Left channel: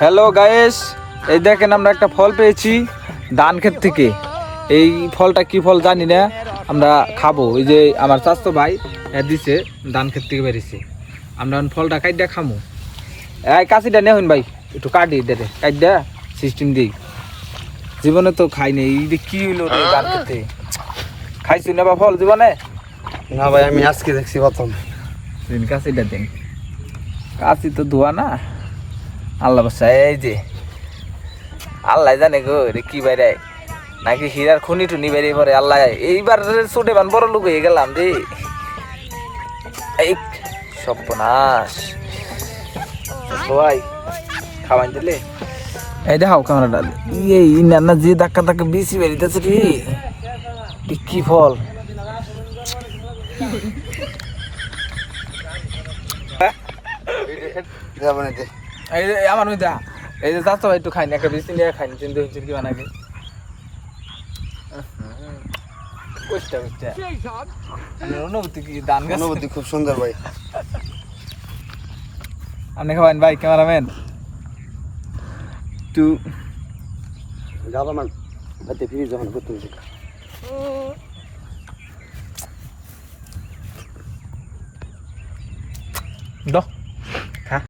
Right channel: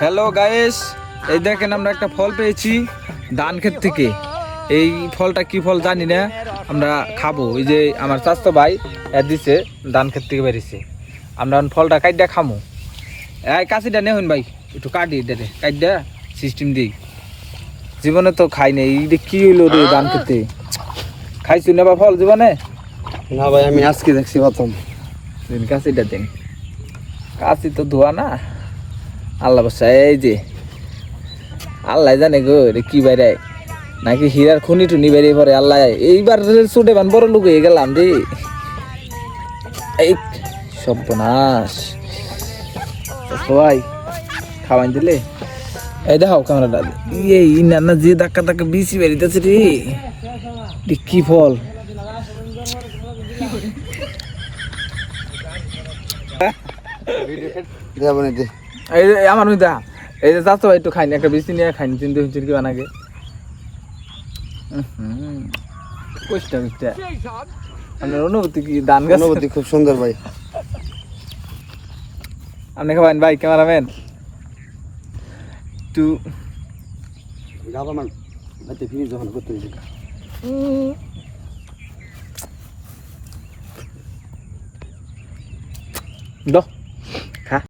Hello guys, এই দেখেন আমরা একটা ফল পেয়েছি ধান ক্ষেত থেকে। এই ফলটা কি ফল জানি না, আমরা খাবো। এই যে আমার চাচতো ভাই দিছে, ধান ক্ষেত থেকে বেরিয়েছে। আমরা ফলটা কাইডা খামো। এই কাশিটা নেই ভাই, একটু কাটি এটা কাইডা সিস্টেম দিই। জীবনে তো খাই নাই, এই কি হইলো রে ধান খেতে? খাইছু না বা ফল জীবনে? না ভাই, আমি আজকে দেখছি প্রথম। দিন কাশিটা দিন, কাশি তো ধোয়া না। আল্লাহ বাসা, এই যে আল্লাহ জানে গো রে কি বাইরে, নাকি হীরার খনি টুনি বেরিয়ে পড়ে। আল্লাহ এইবার ছুটে বান বড় লোক হয়ে গেলাম রে। এই সর্বনাশ, সবাই খাওয়াই দিলে। এই দেখাও কামড়া, এই না যে ধাক্কা ধাক্কা বেশি বেরিতেছে রে। কি ফল? এই যে আমার দা, এই যে চাচো ভাই একটু খাইনি, একটা বেশি নিয়ে খাইনি, চিন্তা হচ্ছে কি বানাকে। অনুভূতি কি? ধান গাছ অনুভূতি খুব সুন্দর ভাই। আপনি খাবেন ভাই, ক্যামেরাম্যান তু যাবো মান আতে ফিরে যখন করতে দাও।